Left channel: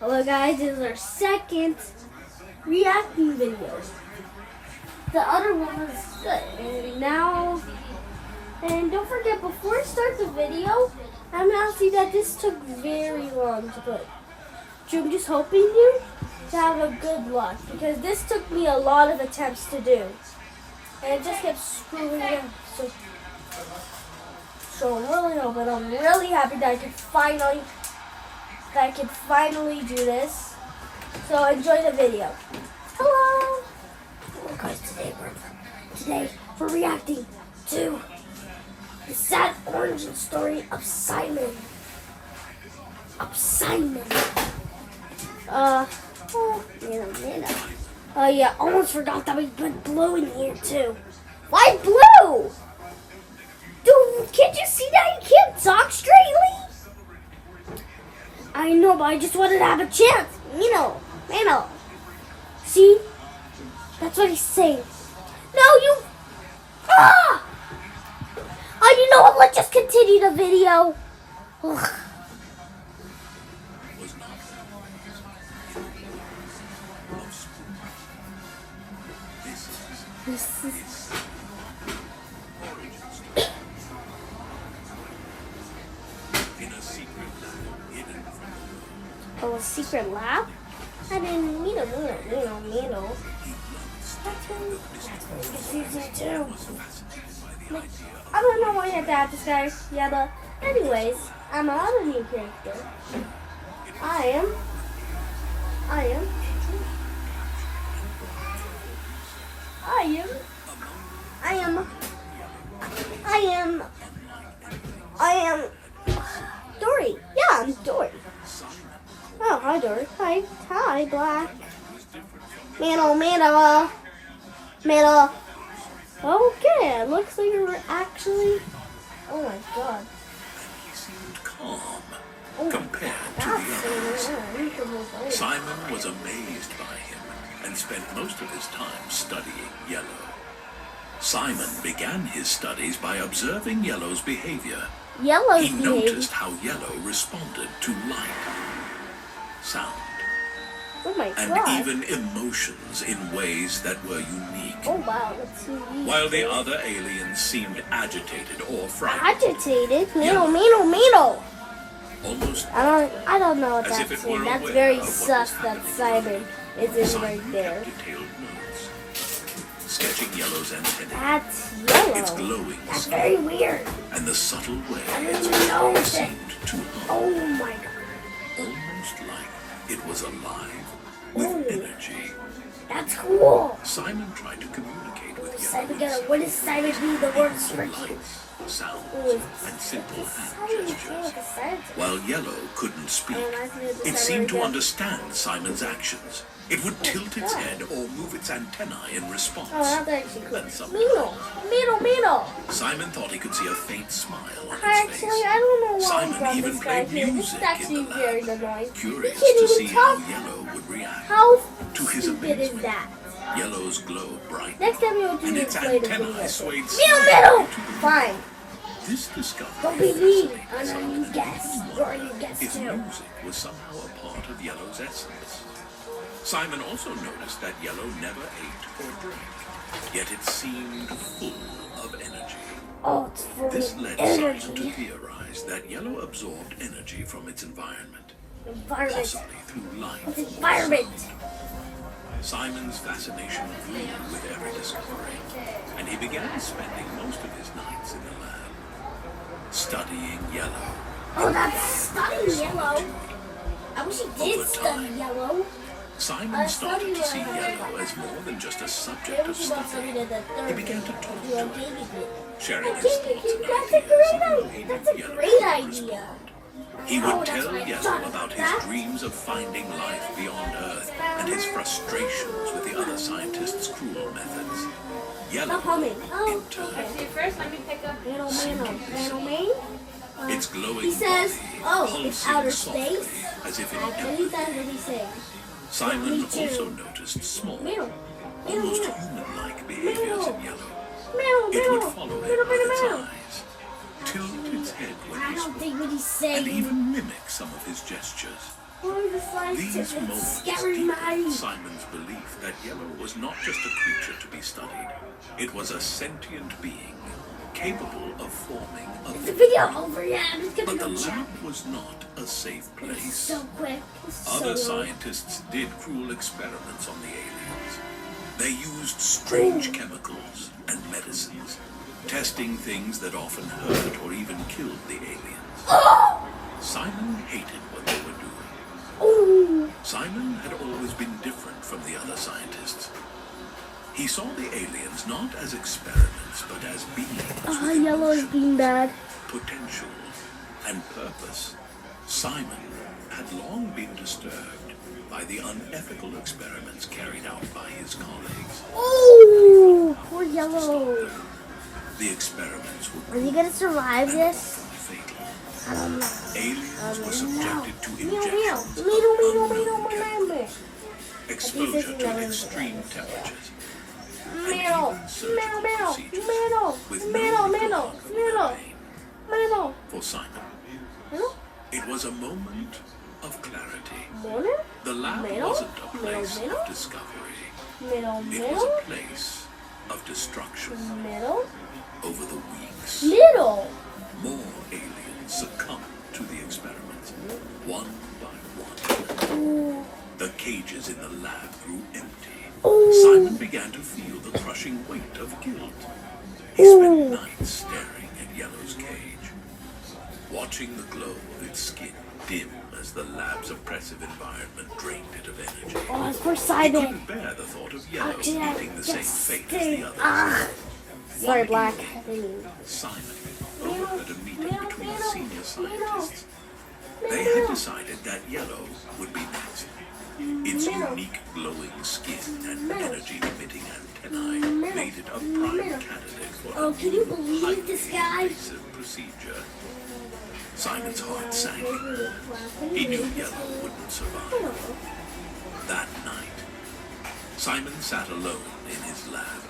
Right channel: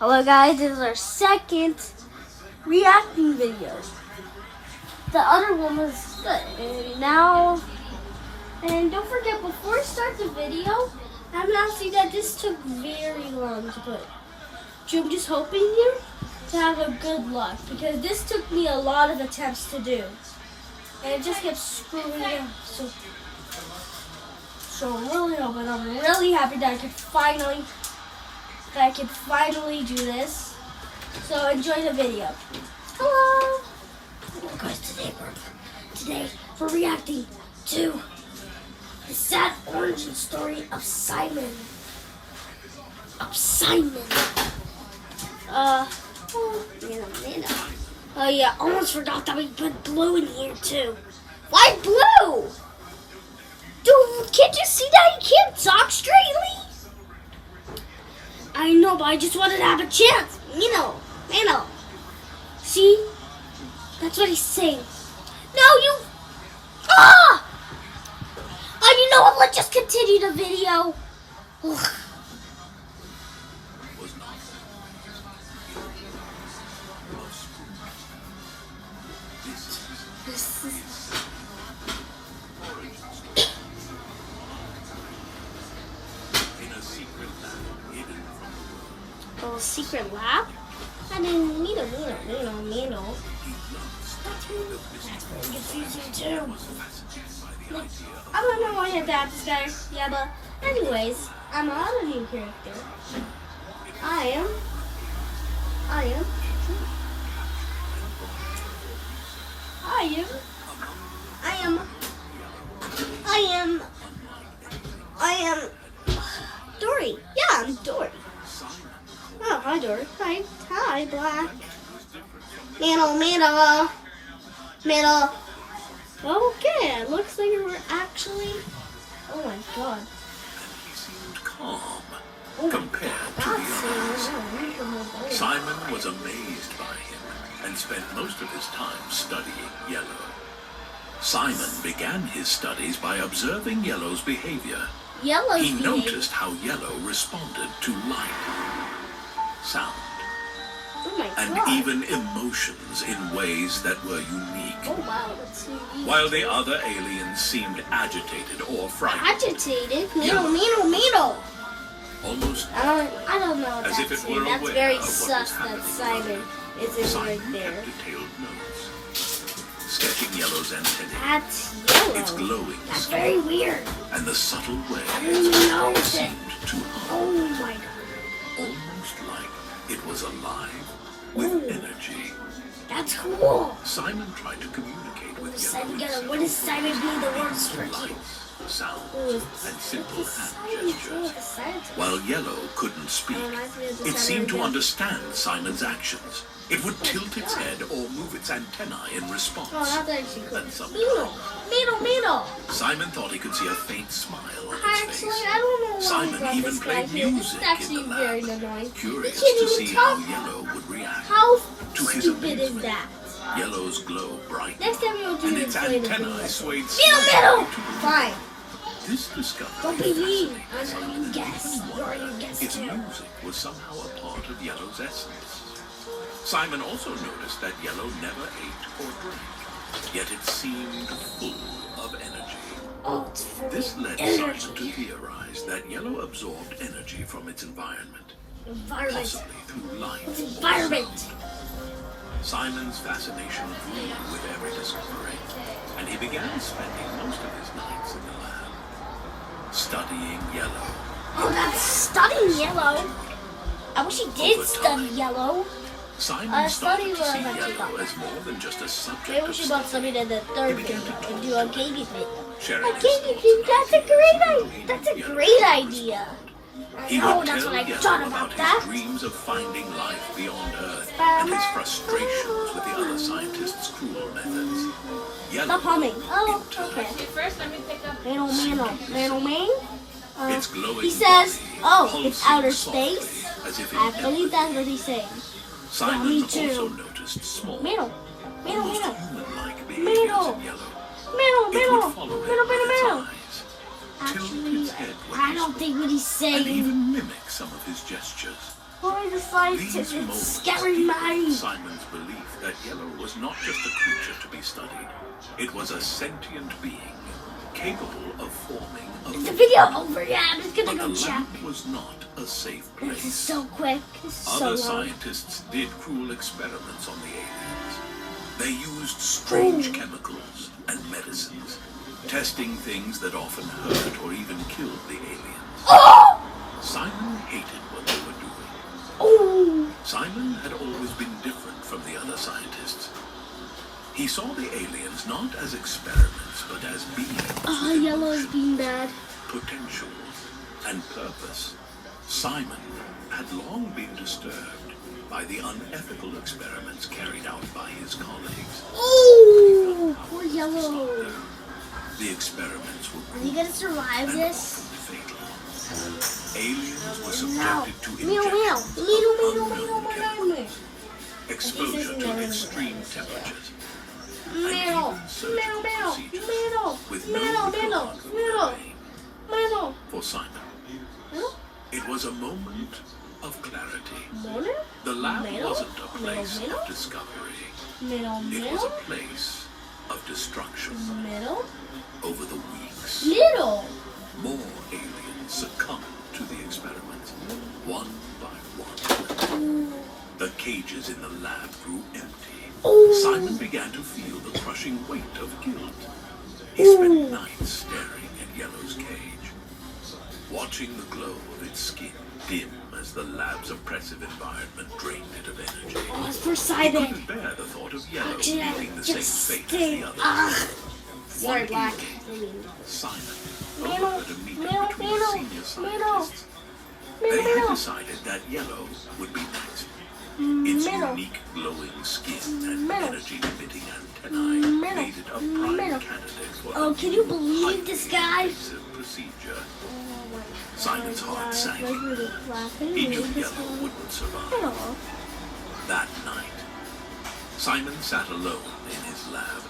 Hello guys, this is our second reacting video. The other one was good. And don't forget, before I start the video, I'm asking that this took very long to put. So I'm just hoping you to have a good luck, because this took me a lot of attempts to do. And it just kept screwing up. So I'm really happy that I could finally do this. So enjoy the video. Hello! Hello guys, today we're reacting to the sad origin story of Simon. Oh yeah, almost forgot that we put blue in here too. Why blue? Dude, can't you see that he can't talk straightly? I know, but I just wanted to have a chance. Mano. See? That's what he's saying. No, you... Ah! Oh, you know what? Let's just continue the video. Ugh. This is... Oh, a secret lab? I didn't mean That's very confusing too. I don't know why I adapt this guy. Yeah, but anyways, I'm another new character. I am Dory. Yeah, I'm Dory. Oh, hi, Dory. Hi, Black. Middle. Okay, it looks like we're actually... Oh my god. He seemed calm compared to the others. Simon was amazed by him and spent most of his time studying Yellow. Simon began his studies by observing Yellow's behavior. He noticed how Yellow responded to light, sound, and even emotions in ways that were unique. Oh wow, that's unique. While the other aliens seemed agitated or frightened. Agitated? Middle. Almost I don't know what as that's if it were That's aware very of what sus was that happening. Simon is in Simon right there. kept detailed notes, sketching Yellow's antennae, That's yellow. its glowing That's skin, very weird. and the subtle way didn't its know power that. seemed to hum, Oh my god. almost like it was alive with energy. That's cool. Simon tried to communicate with Simon, Yellow. what does Simon mean the words for Lights, sounds, and simple hand Simon gestures. a scientist. While Yellow couldn't speak, it seemed to understand Simon's actions. It would tilt its head or move its antennae in response. Oh, that's actually cool. And sometimes Middle. Simon thought he could see a faint smile on his Actually, face. I don't know why Simon brought even this guy played here. music This is in the actually very lab, annoying. curious He can't to even see how talk. Yellow would react. How To his stupid is amazement, that? Yellow's glow brightened, Next time you'll do and it, its play the antennae video. swayed Middle. slightly to the Fine. This discovery Don't be mean. fascinated I know Simon, you and guess. made him You're wonder you guess if too. music was somehow a part of Yellow's essence. Simon also noticed that Yellow never ate or drank, yet it seemed full of energy. Oh, it's full This of led energy. Simon to theorize that Yellow absorbed energy from its environment, Environment. possibly through light. It's environment. Simon's fascination grew with every discovery, and he began spending most of his nights in the lab, studying Yellow. Oh, that's studying yellow. I wish he did Over study time, yellow. Simon started to see study Yellow as more than just a subject Maybe we of should go study. study the third. He began to talk Do a to game him, with it. sharing A his game thoughts with you. and That's a ideas, great even idea. waiting That's for a Yellow great to idea. He Oh, would that's tell what I Yellow thought about his that. dreams of finding life beyond Earth and his frustrations with the other scientists' cruel methods. Yellow, Stop humming. Oh, in turn, okay. First, let me pick up. Middleman. its glowing He says, body oh, it's pulsing outer softly, space. as if in I believe empathy. that's what he's saying. Simon Me too. also noticed small, Middle. almost human-like behaviors in Yellow. It would follow him with its eyes, tilt its head when I he don't spoke, think what he's and saying. even mimic some of his gestures. Why the scientists These with moments scary deepened minds? Simon's belief that Yellow was not just a creature to be studied. It was a sentient being, capable of forming a Is the video over? Yeah, I'm just But gonna the go check. lab was not a safe This is place. so quick. This is Other so long. scientists did cruel experiments on the aliens. They used strange chemicals and medicines, testing things that often hurt or even killed the aliens. Oh! Simon hated what they were doing. Oh! Simon had always been different from the other scientists. He saw the aliens not as experiments, but as beings with Yellow is emotion, being bad. potential, and purpose. Simon had long been disturbed by the unethical experiments carried out by his colleagues. Oh! Poor Stop Yellow. them. The experiments were Are you gonna survive and this? often fatal. Aliens were subjected to Meow, meow. injections of Meow, meow, unknown meow, chemicals, meow, exposure meow. to extreme temperatures, and Meow, even surgical meow, procedures meow, with meow, no meow, regard for meow. their pain. Meow. For Simon, Meow. it was a moment of clarity. Meow. The lab Meow. wasn't a place Meow. of discovery. Meow, It was meow. a place of destruction. Middle. Over the weeks, Middle. more aliens succumbed to the experiments, one by one. Ooh. The cages in the lab grew empty. Ooh. Simon began to feel the crushing weight of guilt. He spent nights staring at Yellow's cage, watching the glow of its skin dim as the lab's oppressive environment drained it of energy. Oh, it's for He Simon. couldn't bear the thought of Yellow Actually, I meeting the same just fate as stay. the others. Sorry, One Black. evening, Simon Meow, overheard a meeting meow, between meow, the senior meow. scientists. They had decided that Yellow would be next. Its Meow. unique glowing skin and Meow. energy-emitting antennae Meow. made it a prime Meow. candidate for Oh, a can you believe this highly guy? invasive procedure. Simon's heart sank. He knew Yellow wouldn't survive. That night, Simon sat alone in his lab,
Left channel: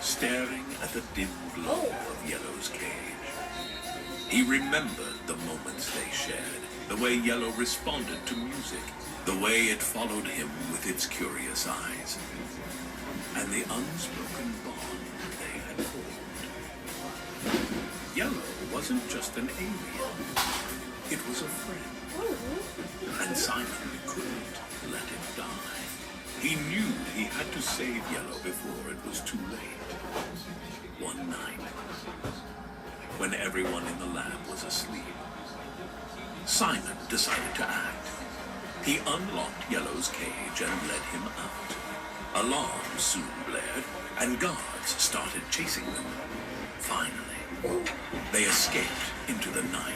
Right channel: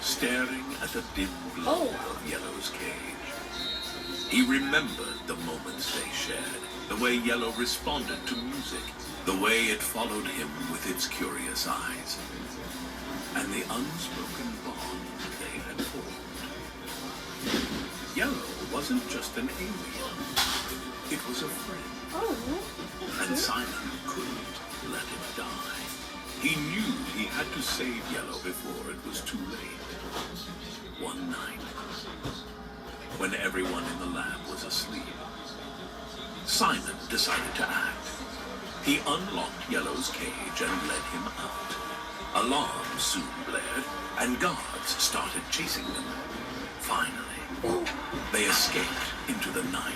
staring at the dim glow of Yellow's cage. He remembered the moments they shared, the way Yellow responded to music, the way it followed him with its curious eyes, and the unspoken bond they had formed. Yellow wasn't just an alien, it was a friend, and Simon couldn't let it die. He knew he had to save Yellow before it was too late. One night, when everyone in the lab was asleep, Simon decided to act. He unlocked Yellow's cage and led him out. Alarms soon blared, and guards started chasing them. Finally, they escaped into the night.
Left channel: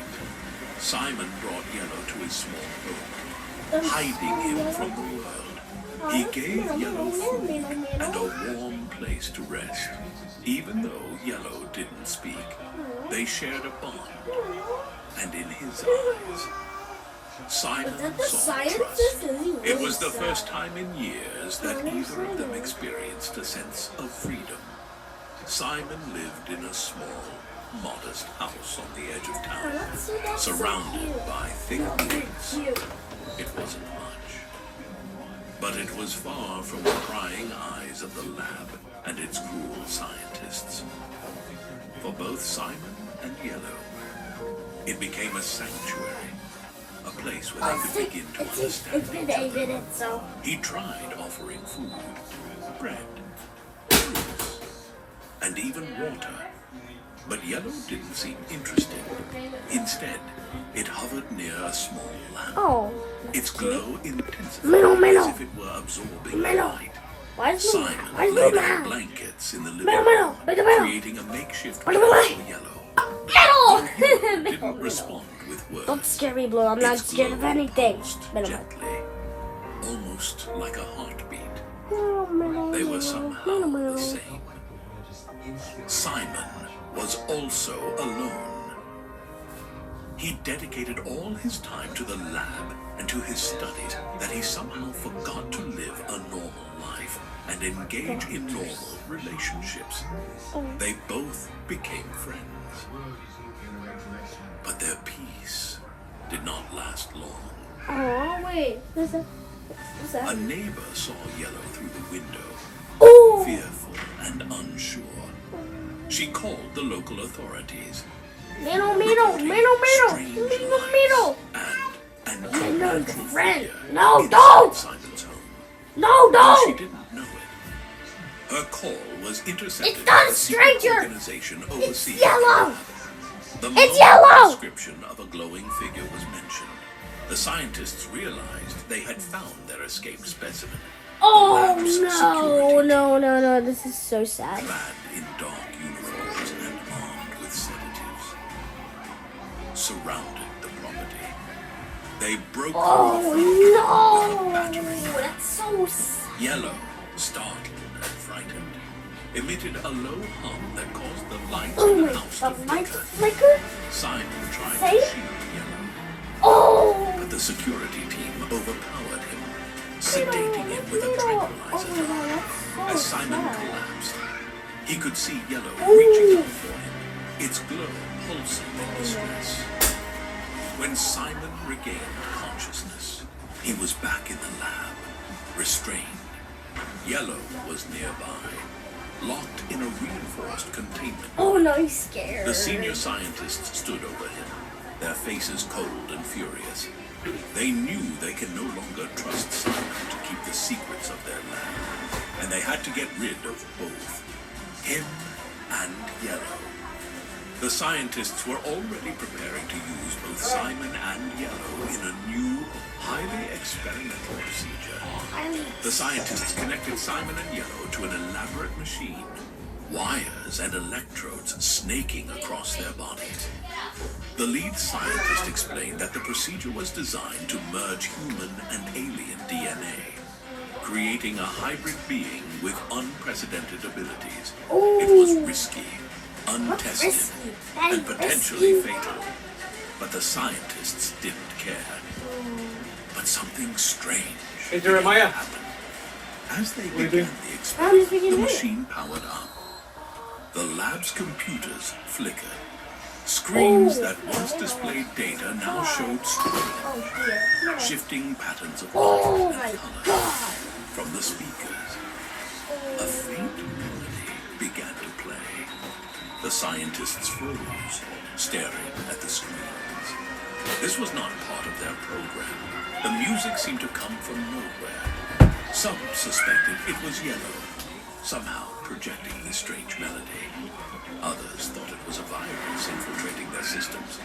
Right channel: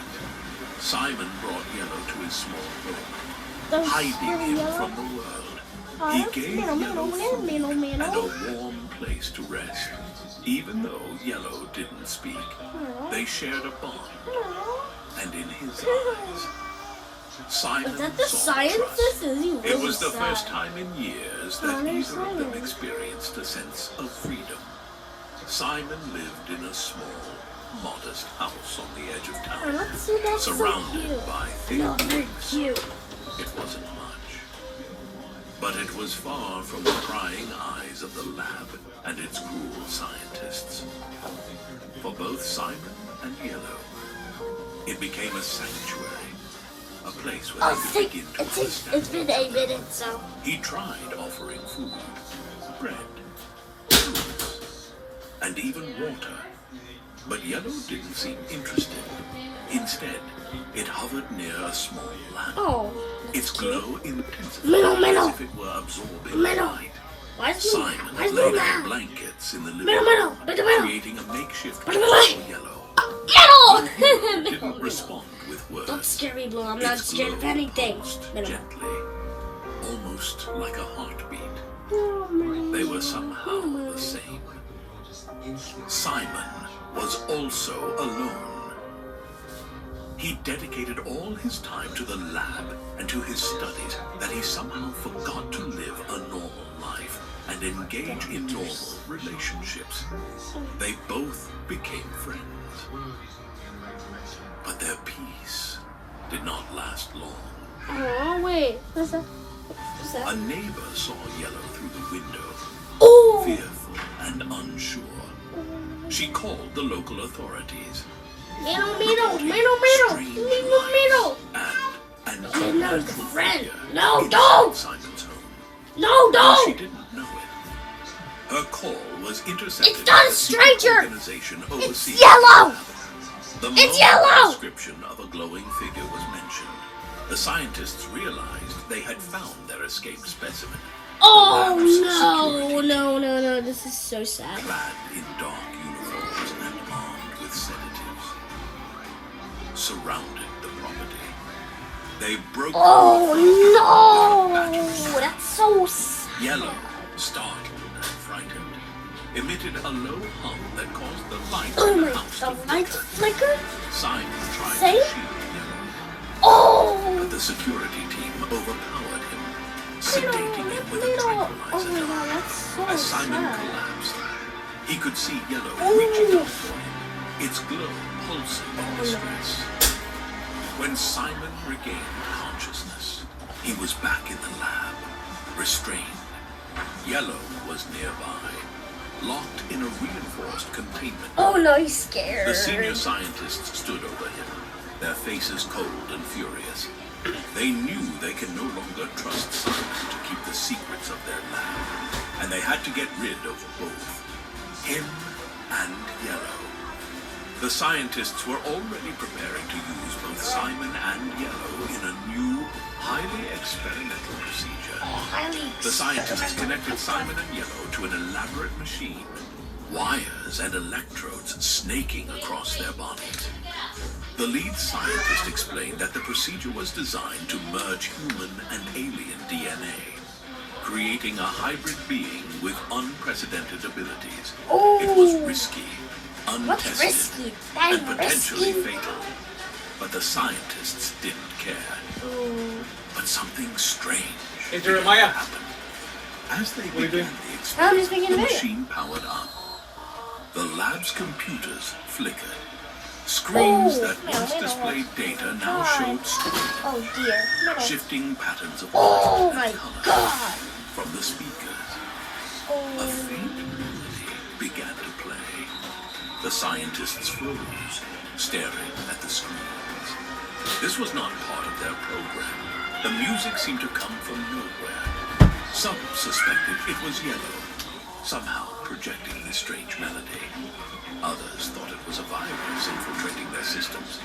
Simon brought Yellow to his small home, hiding him from the world. He gave Yellow food and a warm place to rest. Even though Yellow didn't speak, they shared a bond. And in his eyes, Simon Is that the saw scientist? trust. Is he It really was the sad? first time in years that either of them experienced a sense of freedom. Simon lived in a small, modest house on the edge of town, Let's see, that's so surrounded cute. by thick No, they're woods. cute. It wasn't much, but it was far from the prying eyes of the lab and its cruel scientists. For both Simon and Yellow, it became a sanctuary, a place where they could begin to understand. It's been 8 minutes, so. He tried offering food, bread, fruits, and even water, but Yellow didn't seem interested. Instead, it hovered near a small lamp. Oh. Its glow intensified Minnow. as if it were absorbing Minnow. light. Why is Simon Where's laid Luna? out blankets in the living Minnow. room, creating a makeshift bed Minnow. for Yellow. Middle! Didn't respond with Don't words. scare me, Blue. I'm not Its scared of glow anything. pulsed Middle. gently, almost like a heartbeat. They were somehow the same. Simon was also alone. He dedicated all his time to the lab and to his studies that he somehow forgot to live a normal life and engage in normal relationships. They both became friends. But their peace did not last long. Oh, wait. What's that? What's that? A neighbor saw Yellow through the window, Oh! fearful and unsure. She called the local authorities. Middle. Strange lights and an unnatural figure No, inside don't! Simon's home. No, Though she don't! didn't know it. Her call was intercepted It's not by a a secret stranger! organization overseeing yellow! the It's moment yellow! the description of a glowing figure was mentioned, the scientists realized they had found their escaped specimen. Oh, The lab's security no. This is so sad. clad in dark uniforms and armed with sedatives, surrounded the property. They broke Oh, with a battery. no! That's so sad. Yellow, startled and frightened, emitted a low hum that caused the lights Oh in my, the house the to lights flicker. flicker? Simon tried Say? to shield Yellow, Oh! but the security team overpowered him, sedating him with a Oh tranquilizer my god, drug. that's so As Simon sad. collapsed, he could see Yellow Ooh. reaching out for him, its glow pulsing in distress. When Simon regained consciousness, he was back in the lab, restrained. Yellow was nearby, locked in a reinforced containment. Oh no, he's scared. The senior scientists stood over him, their faces cold and furious. They knew they could no longer trust Simon to keep the secrets of their lab, and they had to get rid of both, him and Yellow. The scientists were already preparing to use both Simon and Yellow in a new, highly experimental procedure. The scientists connected Simon and Yellow to an elaborate machine, wires and electrodes snaking across their bodies. The lead scientist explained that the procedure was designed to merge human and alien DNA, creating a hybrid being with unprecedented abilities. It was risky, What's untested, risky? That is and potentially risky. fatal. But the scientists didn't care. But something strange Hey, began Jeremiah. to happen. As they you began doing? the I'm just experiment, making the a video. machine powered up. The lab's computers flickered. Screens that once displayed data now showed scrolls, Oh dear. No. shifting patterns of Oh light my and color god. from the speakers. A faint melody began to play. The scientists froze, staring at the screens. This was not part of their program. The music seemed to come from nowhere. Some suspected it was Yellow, somehow projecting this strange melody. Others thought it was a virus infiltrating their systems.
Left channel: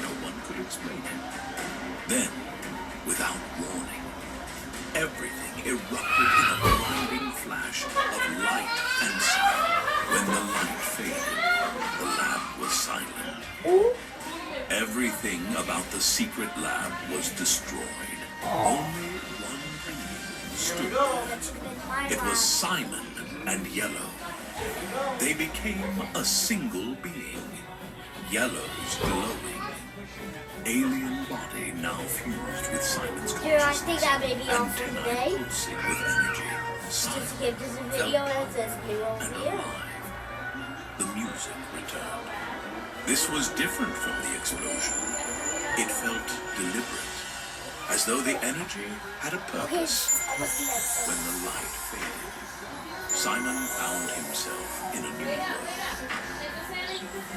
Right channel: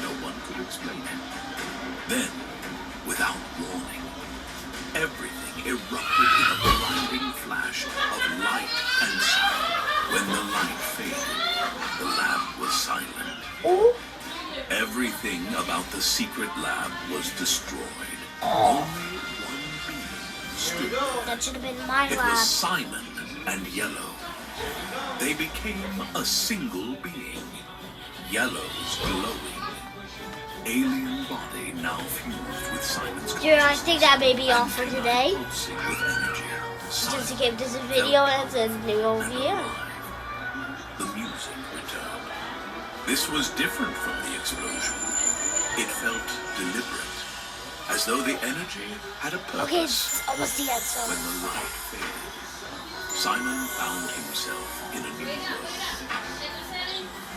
No one could explain it. Then, without warning, everything erupted in a blinding flash of light and sound. When the light faded, the lab was silent. Oh. Everything about the secret lab was destroyed. Only one being stood there. That should have been my It lab. was Simon and Yellow. They became a single being. Yellow's glowing alien body now fused with Simon's consciousness. Dude, I think that may be all and for tonight today. pulsing with energy. Just Simon give this a video felt and it's a new and video. alive. The music returned. This was different from the explosion. It felt deliberate, as though the energy had a Okay, purpose. it's almost the end. So. When the light faded, Simon found himself in a new world.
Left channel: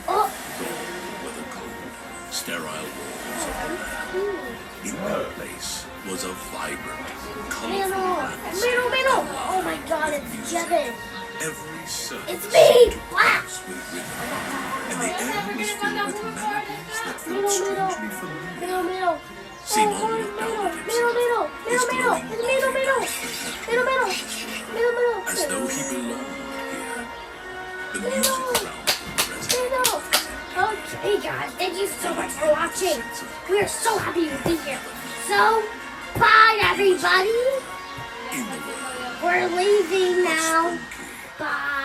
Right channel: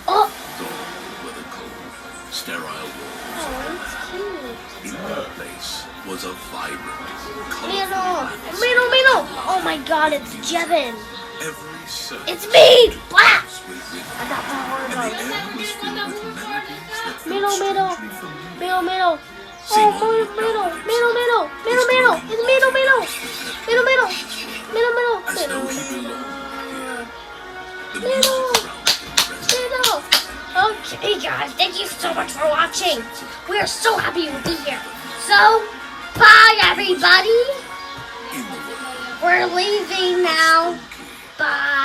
Oh. Gone were the cold, sterile walls of the lab. In their place was a vibrant, colorful landscape. Middle. Oh my god, it's Jevin. Every surface It's me, seemed to Black. pulse with rhythm, and the air was filled with melodies that felt Middle. strangely familiar. Middle. Simon Oh, looked down at himself, his glowing body now Middle. as though he belonged here. The music around him resonated. Okay, guys, thank you so much for watching. We are so happy to be here. So, bye, everybody. In the world, We're leaving now. spooky, Bye.